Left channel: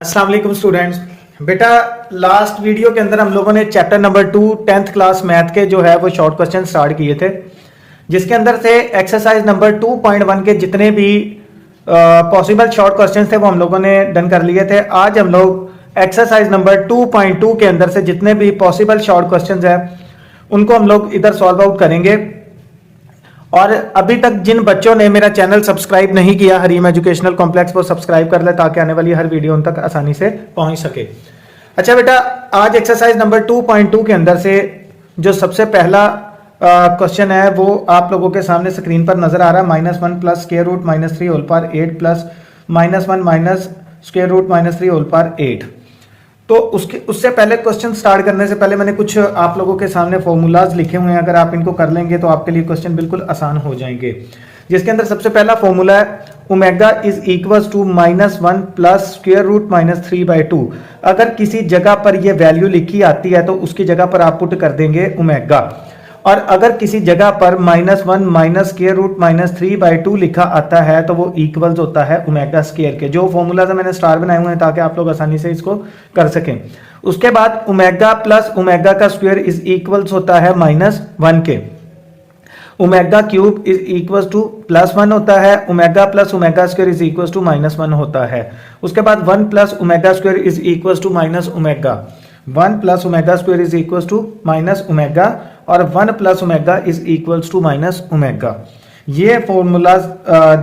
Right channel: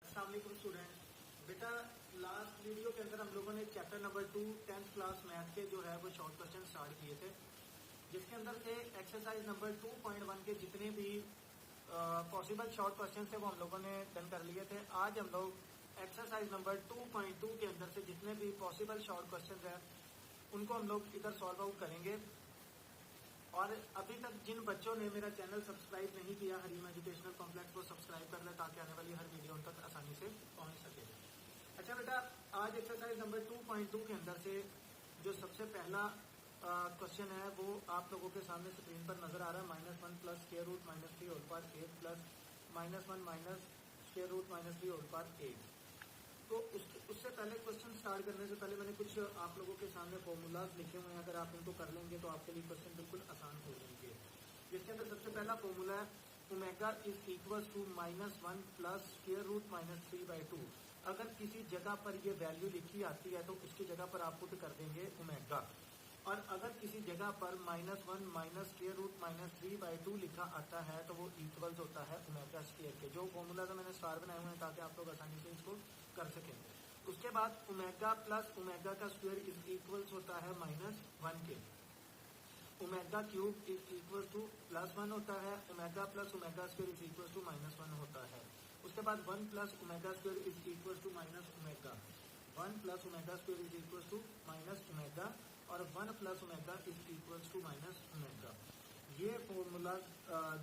अस्सलाम वालेकुम स्टूडेंट्स। बेटा लास्ट वीडियो के अंदर हम लोगों ने chapter number 2 10th class math के जो है वो शॉर्ट क्वेश्चन स्टार्ट किए थे, जिसके अंदर से एक्सरसाइज नंबर 2.1 के जितने भी पॉसिबल शॉर्ट क्वेश्चन थे वो हम लोगों ने डन कर लिए थे। आज हम लोग एक्सरसाइज नंबर 2.2 के अंदर से जितने भी पॉसिबल शॉर्ट क्वेश्चन हैं उनको हम लोग इधर सॉल्व आउट करेंगे। और अभी तक जिन बच्चों ने मेरा चैनल सब्सक्राइब नहीं किया हरीम एजुकेशनल कॉम्प्लेक्स, वो सब्सक्राइब कर ले ताकि आने वाली हर वीडियो उन तक आसानी से पहुंच सके। अच्छा बेटा, आज एक्सरसाइज नंबर 2.2 के अंदर से जो सबसे पहला क्वेश्चन है वो आप लोगों के सामने स्क्रीन पर नजर आ रहा है। -1 plus square root -3 whole power 8 plus -1 minus square root -3 whole power 8। तो उससे पहले क्वेश्चन स्टार्ट करने से पहले मैंने कुछ आप लोगों के सामने फॉर्मूलाज लिखे हुए हैं। अगर आप इनको कर लेंगे तो आपके लिए क्वेश्चन बिल्कुल आसान हो जाएंगे। जिसके अंदर सबसे पहला फॉर्मूला है omega is equals to -1 plus square root -3/2। अगर किसी जगह पर यह वैल्यू लिखी आती है तो उसकी जगह पर आप पुट कर देंगे ओमेगा, और अगर किसी जगह पर -1 माइनस स्क्वायर रूट -3/2 लिखा आता है तो वो इक्वल्स होता है ओमेगा स्क्वायर के। जो फॉर्मूला से मैंने स्टार बनाए हुए हैं ताकि आप लोग आसानी से इसको कर सकें। उसके बाद ओमेगा प्लस ओमेगा का स्क्वायर इज इक्वल्स होता है -1 के। Omega cube is equals to +1 होता है। Omega plus omega square is equals to -1 होता है। उसके बाद 1 plus omega square is equals to minus omega. 1 plus omega square is equals to minus omega, और 1 plus omega is equals to minus omega. ये formulas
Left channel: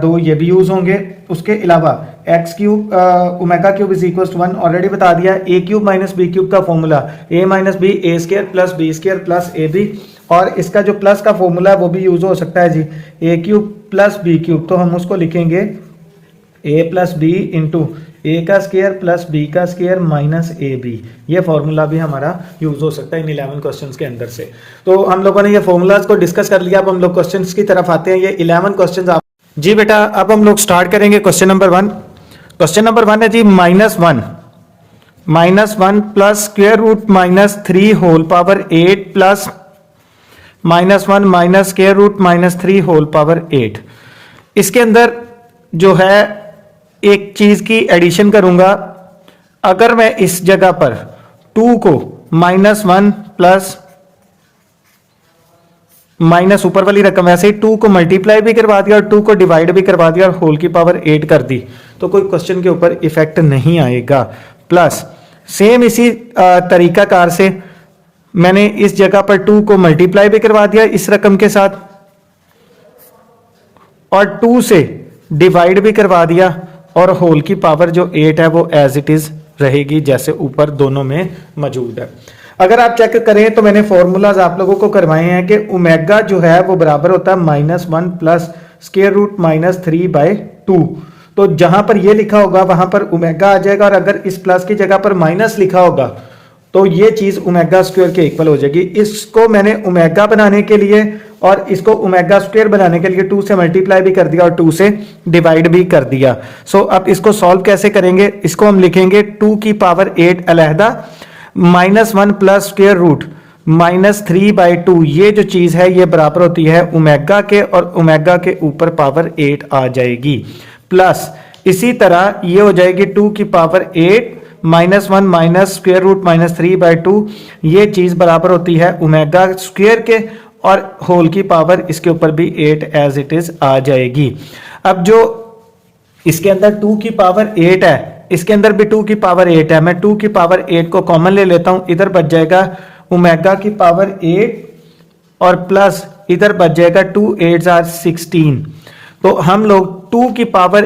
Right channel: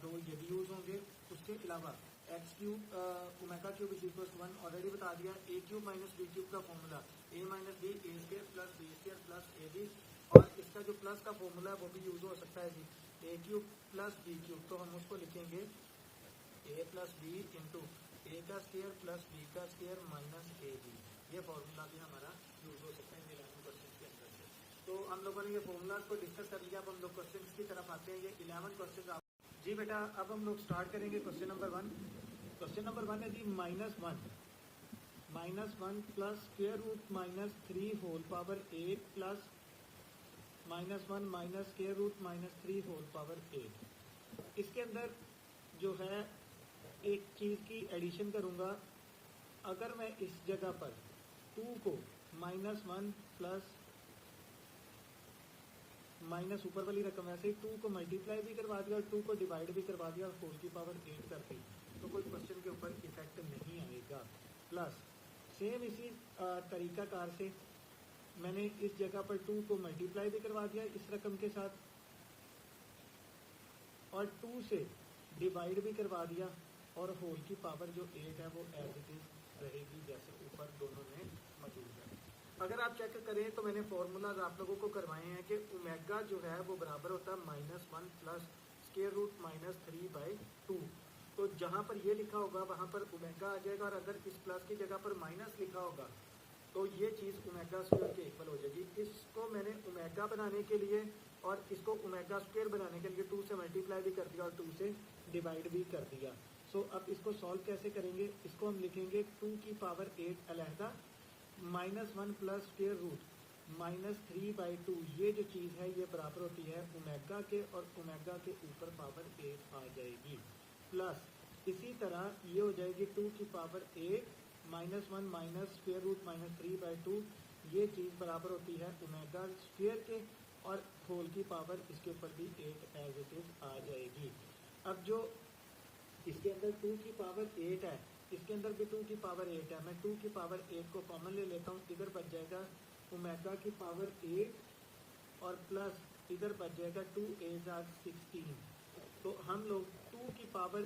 दो ये भी use होंगे। उसके अलावा X cube omega cube is equals to 1 already बता दिया। A cube minus B cube का formula A minus B A square plus B square plus A B, और इसका जो प्लस का फॉर्मूला है वो भी यूज हो सकता है जी, ए क्यूब प्लस बी क्यूब। तो हम उसको लिखेंगे ए प्लस बी इंटू ए का स्क्वायर प्लस बी का स्क्वायर माइनस ए बी। ये फॉर्मूला भी हमारा यूज हो सकता है इन 11 क्वेश्चंस के अंदर से। तो हम लोगों ने ये फॉर्मूलाज को डिस्कस कर लिया। अब हम लोग क्वेश्चंस की तरफ आते हैं। ये 11 क्वेश्चंस आप जी बेटा, अब हम लोग स्टार्ट करेंगे क्वेश्चन नंबर 1। क्वेश्चन नंबर 1 है जी -1 plus square root -3 whole power 8 plus -1 minus square root -3 whole power 8। इसके अंदर जो है एक चीज की एडिशन करूंगा। अगर मैं इस जगह पर 2 को -1 प्लस माइनस ऊपर वाली रकम वैसे ही 2 को मल्टीप्लाई भी करवा दिया और 2 को डिवाइड भी करवा दिया और होल की पावर 8 कर दी तो कोई क्वेश्चन के ऊपर इफेक्ट नहीं आएगा। प्लस सेम इसी तरीकाकार से मैंने इस जगह पर 2 को मल्टीप्लाई भी करवा दिया इस रकम के साथ और 2 से डिवाइड भी करवा दिया, और होल की पावर जो 8 है वो एज इट इज रहेगी जैसे ऊपर दोनों में मौजूद है। अगर आप चेक करें तो मैंने फॉर्मूलाज आप लोगों को करवाए हैं कि ओमेगा जो है वो बराबर होता है -1 प्लस स्क्वायर रूट -3/2। तो जहां पर ये लिखा होगा वहां पर ओमेगा आ जाएगा, और अगर इस प्लस की जगह पर माइनस लिखा होगा तो ये चीज ओमेगा स्क्वायर के इक्वल हो जाएगी। इसको मैंने ओमेगा बनाने के लिए और इसको ओमेगा स्क्वायर बनाने के लिए 2 से मल्टीप्लाई भी कर दिया और 2 से डिवाइड भी कर दिया। सो अब इसको सॉल्व कैसे करेंगे? इसको हम लिखेंगे 2 की पावर 8 अलहदा -1 प्लस स्क्वायर रूट -3/2। ये जो चीज है ये बराबर होती है ओमेगा के, और ओमेगा के ऊपर पावर 8 आ जाएगी। प्लस इसी तरह ये हो जाएगी 2 की पावर 8 -1 माइनस स्क्वायर रूट -3/2। ये चीज बराबर होती है ओमेगा स्क्वायर के, और होल की पावर इसके ऊपर भी 8 एज इट इज आ जाएगी। अब जो इसके अंदर 2 की पावर 8 है, इसके अंदर भी 2 की पावर 8 है। मैं 2 की पावर 8 को कॉमन ले लेता हूं, इधर बच जाएगा ओमेगा की पावर 8 और प्लस इधर बच जाएगा 2 8 आर 16। तो हम लोग 2 की पावर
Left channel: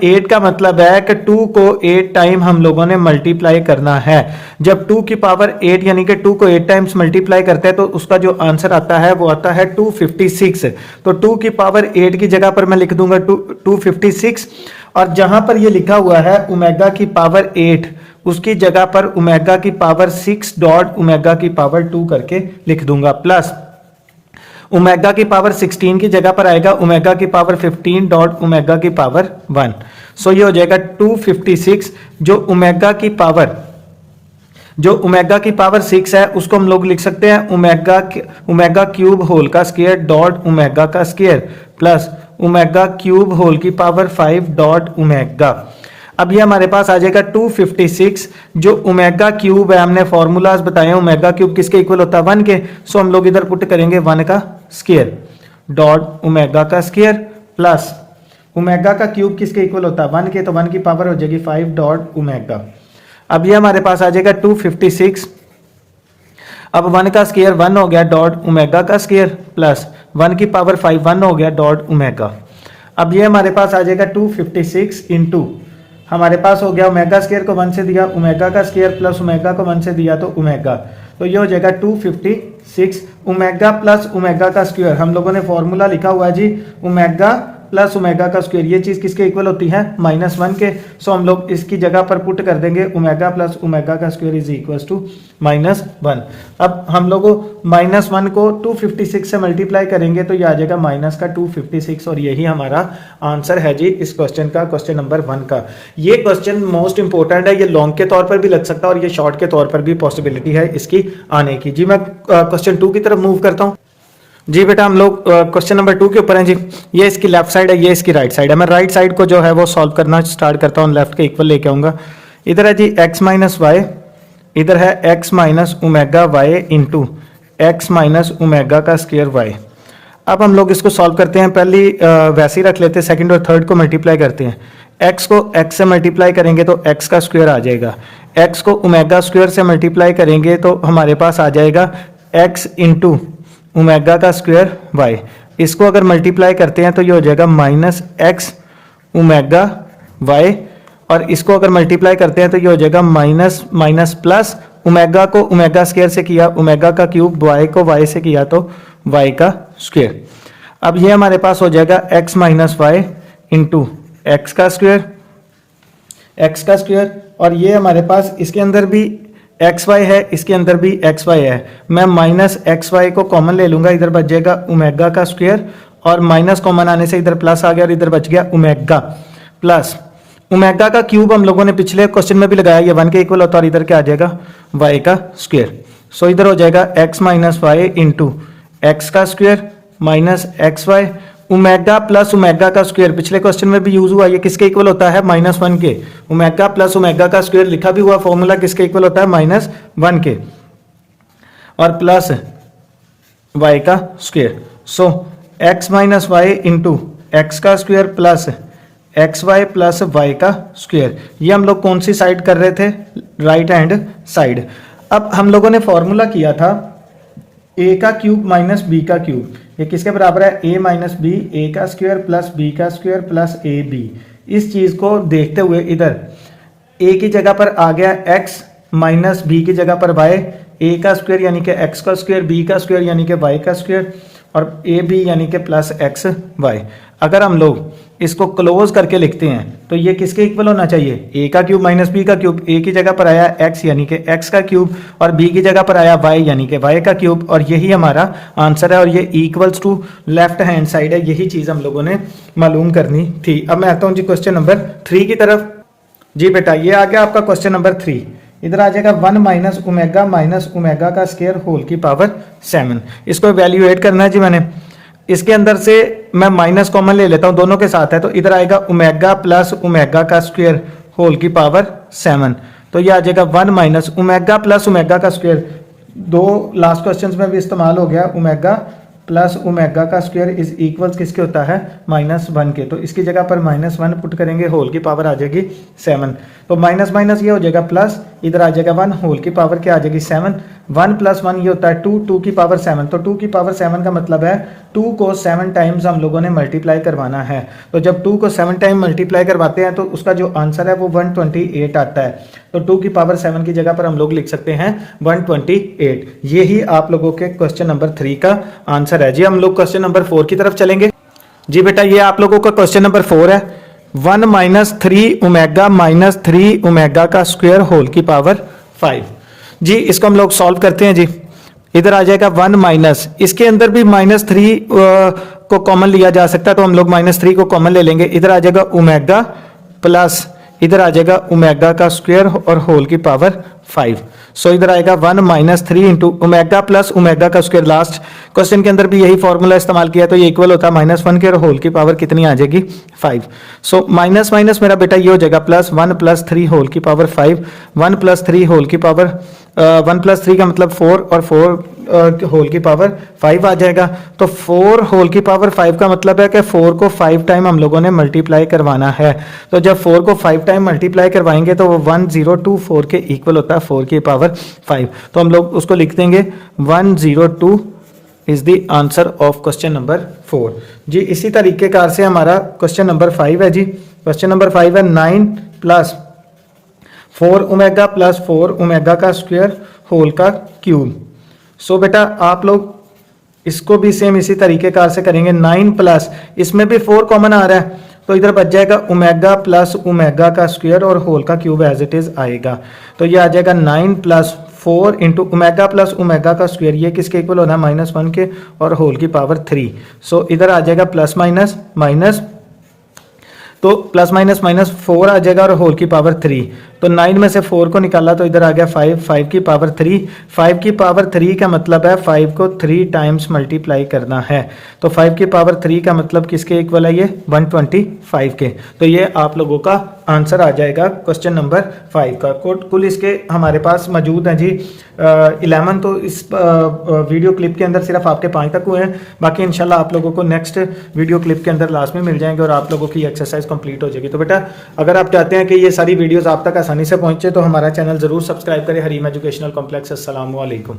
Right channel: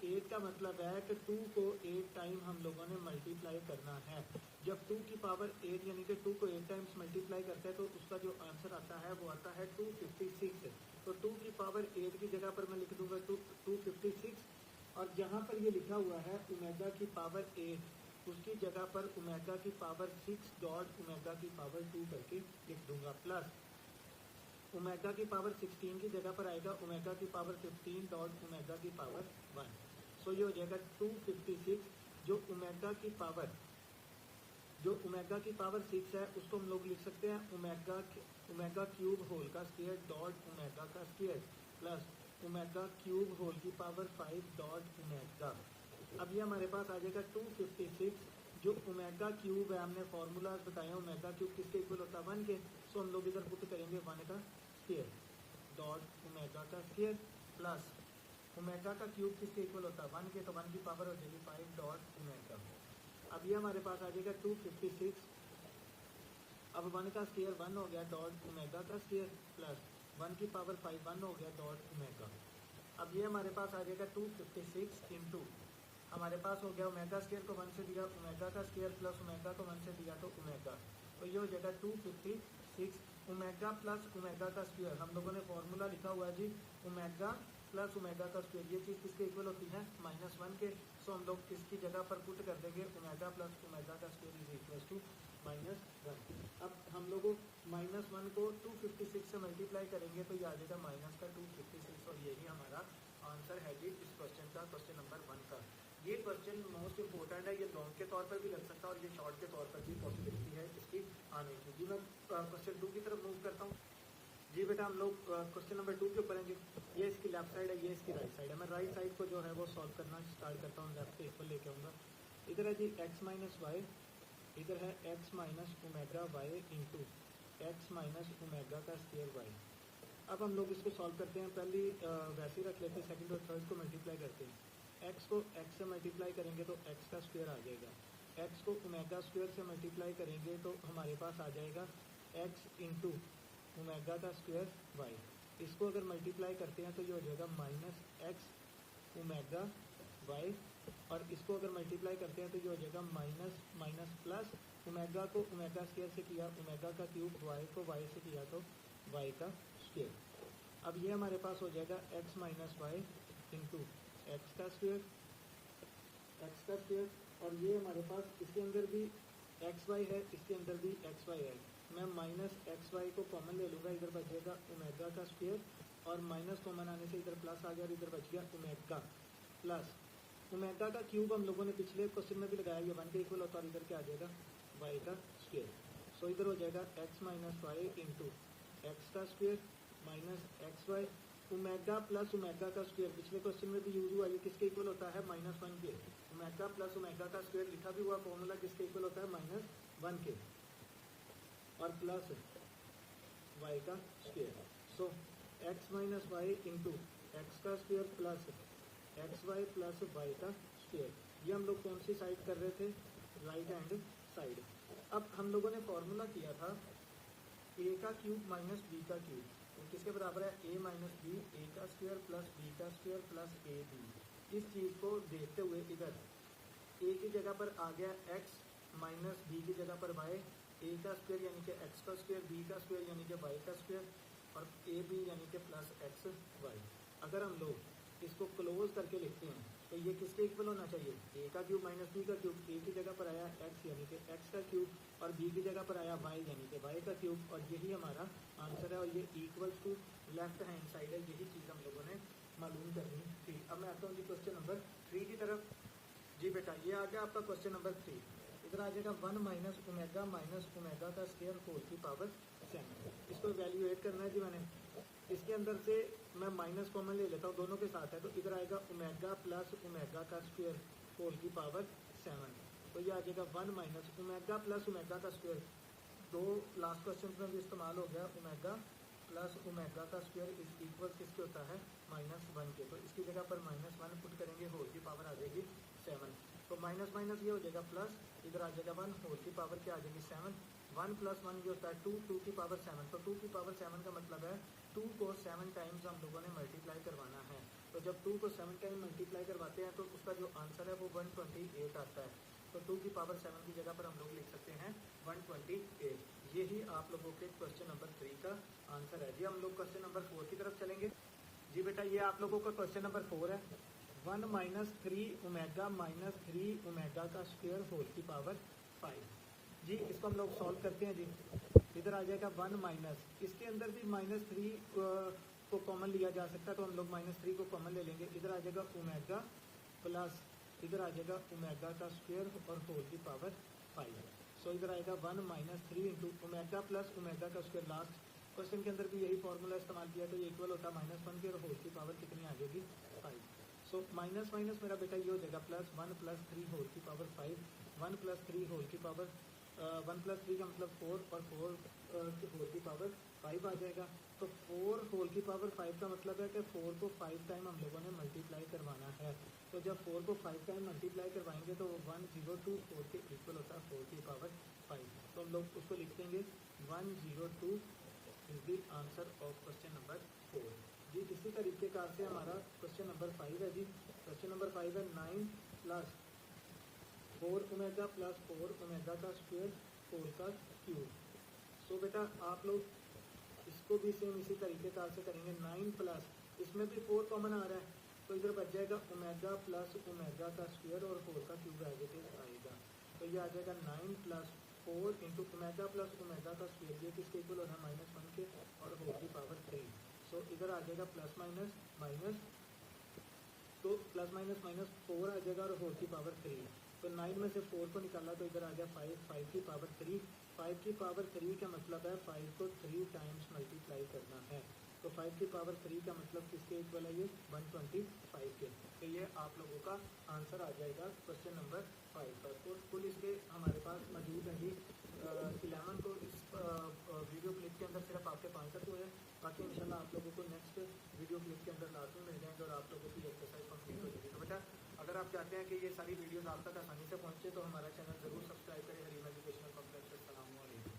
8 का मतलब है कि 2 को 8 टाइम हम लोगों ने मल्टीप्लाई करना है। जब 2 की पावर 8 यानी कि 2 को 8 टाइम्स मल्टीप्लाई करते हैं तो उसका जो आंसर आता है वो आता है 256। तो 2 की पावर 8 की जगह पर मैं लिख दूंगा 256, और जहां पर ये लिखा हुआ है ओमेगा की पावर 8 उसकी जगह पर ओमेगा की पावर 6 डॉट ओमेगा की पावर 2 करके लिख दूंगा। प्लस ओमेगा की पावर 16 की जगह पर आएगा ओमेगा की पावर 15 डॉट ओमेगा की पावर 1। सो ये हो जाएगा 256। जो ओमेगा की पावर 6 है उसको हम लोग लिख सकते हैं ओमेगा क्यूब होल का स्क्वायर डॉट ओमेगा का square plus omega cube whole की पावर 5 डॉट ओमेगा। अब ये हमारे पास आ जाएगा 256, जो ओमेगा क्यूब है, हमने फॉर्मूलाज बताए हैं, ओमेगा क्यूब किसके इक्वल होता है 1 के। सो हम लोग इधर पुट करेंगे 1 का स्क्वायर डॉट ओमेगा का स्क्वायर प्लस ओमेगा का क्यूब किसके इक्वल होता है 1 के, तो 1 की पावर हो जाएगी 5 डॉट ओमेगा। अब ये हमारे पास आ जाएगा 256, अब 1 का स्क्वायर 1 हो गया डॉट ओमेगा का स्क्वायर प्लस 1 की पावर 5 1 हो गया डॉट ओमेगा। अब ये हमारे पास आ जाएगा 256 इंटू हमारे पास हो गया ओमेगा स्क्वायर को 1 से दिया, ओमेगा का स्क्वायर प्लस ओमेगा को 1 से दिया तो ओमेगा, तो ये हो जाएगा 256 ओमेगा प्लस ओमेगा का स्क्वायर। हम लोगों ने फॉर्मूला लिखा हुआ है जी ओमेगा प्लस ओमेगा का स्क्वायर, ये चीज़ किसके इक्वल होती है -1 के। सो हम लोग इसकी जगह पर पुट कर देंगे ओमेगा प्लस ओमेगा का स्क्वायर इज इक्वल टू -1। अब हम लोग -1 को 256 से मल्टीप्लाई करेंगे तो ये आ जाएगा -256, और यही हमारा आंसर है जी इस क्वेश्चन का, क्वेश्चन नंबर 1 का। ये क्वेश्चन मोस्ट इंपॉर्टेंट है, ये लॉन्ग के तौर पर भी लग सकता है और ये शॉर्ट के तौर पर भी पॉसिबिलिटी है इसकी आने की। जी मैं क्वेश्चन 2 की तरफ मूव करता हूँ। जी बेटा हम लोग क्वेश्चन नंबर 2 के ऊपर हैं जी। ये इसकी लेफ्ट साइड है, ये इसकी राइट साइड है। मैं राइट साइड को जो है वो सॉल्व करना स्टार्ट करता हूँ, लेफ्ट के इक्वल लेके आऊँगा। इधर है जी x माइनस वाई, इधर है x minus omega Y into X minus omega का स्क्वायर वाई। अब हम लोग इसको सॉल्व करते हैं, पहली वैसे ही रख लेते हैं, सेकंड और थर्ड को मल्टीप्लाई करते हैं। x को x से मल्टीप्लाई करेंगे तो x का स्क्वायर आ जाएगा, x को ओमेगा स्क्वायर से मल्टीप्लाई करेंगे तो हमारे पास आ जाएगा x इंटू ओमेगा का स्क्वायर y। इसको अगर मल्टीप्लाई करते हैं तो ये हो जाएगा -x ओमेगा y, और इसको अगर मल्टीप्लाई करते हैं तो ये हो जाएगा माइनस प्लस ओमेगा को ओमेगा स्क्वायर से किया, ओमेगा का क्यूब, y को y से किया तो y का स्क्वायर। अब ये हमारे पास हो जाएगा x minus Y into X का स्क्वायर, और ये हमारे पास इसके अंदर भी एक्स वाई है, इसके अंदर भी एक्स वाई है। मैं -xy को कॉमन ले लूंगा, इधर बच जाएगा ओमेगा का स्क्वायर, और माइनस कॉमन आने से इधर प्लस आ गया और इधर बच गया ओमेगा प्लस ओमेगा का क्यूब। हम लोगों ने पिछले क्वेश्चन में भी लगाया, ये 1 के इक्वल होता है, और इधर क्या आ जाएगा y का स्क्वायर। सो इधर हो जाएगा x minus Y into X का square minus X Y, omega plus omega का स्क्वायर पिछले क्वेश्चन में भी यूज हुआ, ये किसके इक्वल होता है -1 के। ओमेगा प्लस ओमेगा का स्क्वायर लिखा भी हुआ फॉर्मूला किसके इक्वल होता है -1 के, और प्लस y का square. So x minus Y into X का square plus X Y plus Y का स्क्वायर। ये हम लोग कौन सी साइड कर रहे थे, राइट हैंड साइड। अब हम लोगों ने फॉर्मूला किया था a का क्यूब माइनस b का क्यूब, ये किसके बराबर है a माइनस बी, a का स्क्वायर प्लस b का स्क्वायर प्लस ab। इस चीज को देखते हुए इधर a की जगह पर आ गया x माइनस b की जगह पर y, a का स्क्वायर यानी कि x का स्क्वायर, b का स्क्वायर यानी कि y का स्क्वायर, और ab यानी कि प्लस एक्स वाई। अगर हम लोग इसको क्लोज करके लिखते हैं तो ये किसके इक्वल होना चाहिए, a का क्यूब माइनस b का क्यूब, a की जगह पर आया x यानी कि x का क्यूब, और b की जगह पर आया y यानी कि y का क्यूब, और यही हमारा आंसर है, और ये equals to left hand side है। यही चीज़ हम लोगों ने मालूम करनी थी। अब मैं आता हूँ जी क्वेश्चन नंबर 3 की तरफ। जी बेटा ये आ गया आपका क्वेश्चन नंबर 3। इधर आ जाएगा 1 माइनस ओमेगा का स्क्वायर होल की पावर 7। इसको वैल्यूएट करना है जी मैंने। इसके अंदर से मैं माइनस कॉमन ले लेता हूं, दोनों के साथ है, तो इधर आएगा ओमेगा प्लस ओमेगा का स्क्वायर होल की पावर 7। तो ये आ जाएगा 1 माइनस ओमेगा प्लस ओमेगा का स्क्वायर, दो लास्ट क्वेश्चंस में भी इस्तेमाल हो गया, ओमेगा प्लस ओमेगा का स्क्वायर इज इक्वल्स किसके होता है -1 के। तो इसकी जगह पर -1 पुट करेंगे, होल की पावर आ जाएगी 7। तो माइनस माइनस ये हो जाएगा प्लस, इधर आ जाएगा 1, होल की पावर क्या आ जाएगी 7। 1 + 1 ये होता है 2, 2 की पावर 7। तो 2 की पावर 7 का मतलब है 2 को 7 टाइम्स हम लोगों ने मल्टीप्लाई करवाना है। तो जब 2 को 7 टाइम मल्टीप्लाई करवाते हैं तो उसका जो आंसर है वो 128 आता है। तो 2 की पावर 7 की जगह पर हम लोग लिख सकते हैं 128। यही आप लोगों के क्वेश्चन नंबर 3 का आंसर है। जी हम लोग क्वेश्चन नंबर 4 की तरफ चलेंगे। जी बेटा ये आप लोगों का क्वेश्चन नंबर 4 है। 1 - 3 ओमेगा माइनस 3 ओमेगा का स्क्वायर होल की पावर 5। जी इसको हम लोग सॉल्व करते हैं। जी इधर आ जाएगा 1 माइनस, इसके अंदर भी -3 को कॉमन लिया जा सकता है, तो हम लोग -3 को कॉमन ले लेंगे। इधर आ जाएगा ओमेगा प्लस इधर आ जाएगा ओमेगा का स्क्वायर और होल की पावर 5। सो इधर आएगा 1 minus 3 into omega plus omega का स्क्वायर। लास्ट क्वेश्चन के अंदर भी यही फॉर्मूला इस्तेमाल किया, तो ये इक्वल होता है -1 के और होल की पावर कितनी आ जाएगी 5। सो माइनस माइनस मेरा बेटा ये हो जाएगा +1 + 3 होल की पावर 5। 1 + 3 होल की पावर 1 + 3 का मतलब 4 और 4 होल की पावर 5 आ जाएगा। तो 4 होल की पावर 5 का मतलब है कि 4 को 5 टाइम हम लोगों ने मल्टीप्लाई करवाना है। तो जब 4 को 5 टाइम मल्टीप्लाई करवाएंगे तो वो 1024 के इक्वल होता है 4 की पावर 5। तो हम लोग उसको लिख देंगे 102 is the answer of question number 4 जी। इसी तरीके कार से हमारा क्वेश्चन नंबर 5 है जी। क्वेश्चन नंबर 5 है 9 + 4 ओमेगा + 4 ओमेगा का स्क्वायर होल का क्यूब। सो बेटा आप लोग इसको भी सेम इसी तरीके कार से करेंगे। 9 प्लस इसमें भी 4 कॉमन आ रहा है, तो इधर बच जाएगा ओमेगा प्लस ओमेगा का स्क्वायर और होल का क्यूब एज इट इज आएगा। तो ये आ जाएगा 9 + 4 इंटू ओमेगा प्लस ओमेगा का स्क्वायर, ये किसके इक्वल होना है -1 के और होल की पावर 3। सो इधर आ जाएगा प्लस माइनस माइनस, तो प्लस माइनस माइनस 4 आ जाएगा और होल की पावर 3। तो 9 में से 4 को निकाला तो इधर आ गया 5, 5 की पावर 3। 5 की पावर 3 का मतलब है 5 को 3 टाइम्स मल्टीप्लाई करना है। तो 5 की पावर 3 का मतलब किसके इक्वल है, ये 125 के। तो ये आप लोगों का आंसर आ जाएगा क्वेश्चन नंबर 5 का। कुल इसके हमारे पास मौजूद हैं जी 11। तो इस वीडियो क्लिप के अंदर सिर्फ आपके 5 तक हुए हैं, बाकी इंशाल्लाह आप लोगों को नेक्स्ट वीडियो क्लिप के अंदर लास्ट में मिल जाएंगे और आप लोगों की एक्सरसाइज कंप्लीट हो जाएगी। तो बेटा अगर आप चाहते हैं कि ये सारी वीडियोस आप तक आसानी से पहुंचे तो हमारा चैनल जरूर सब्सक्राइब करें, हरीम एजुकेशनल कॉम्प्लेक्स। अस्सलाम वालेकुम।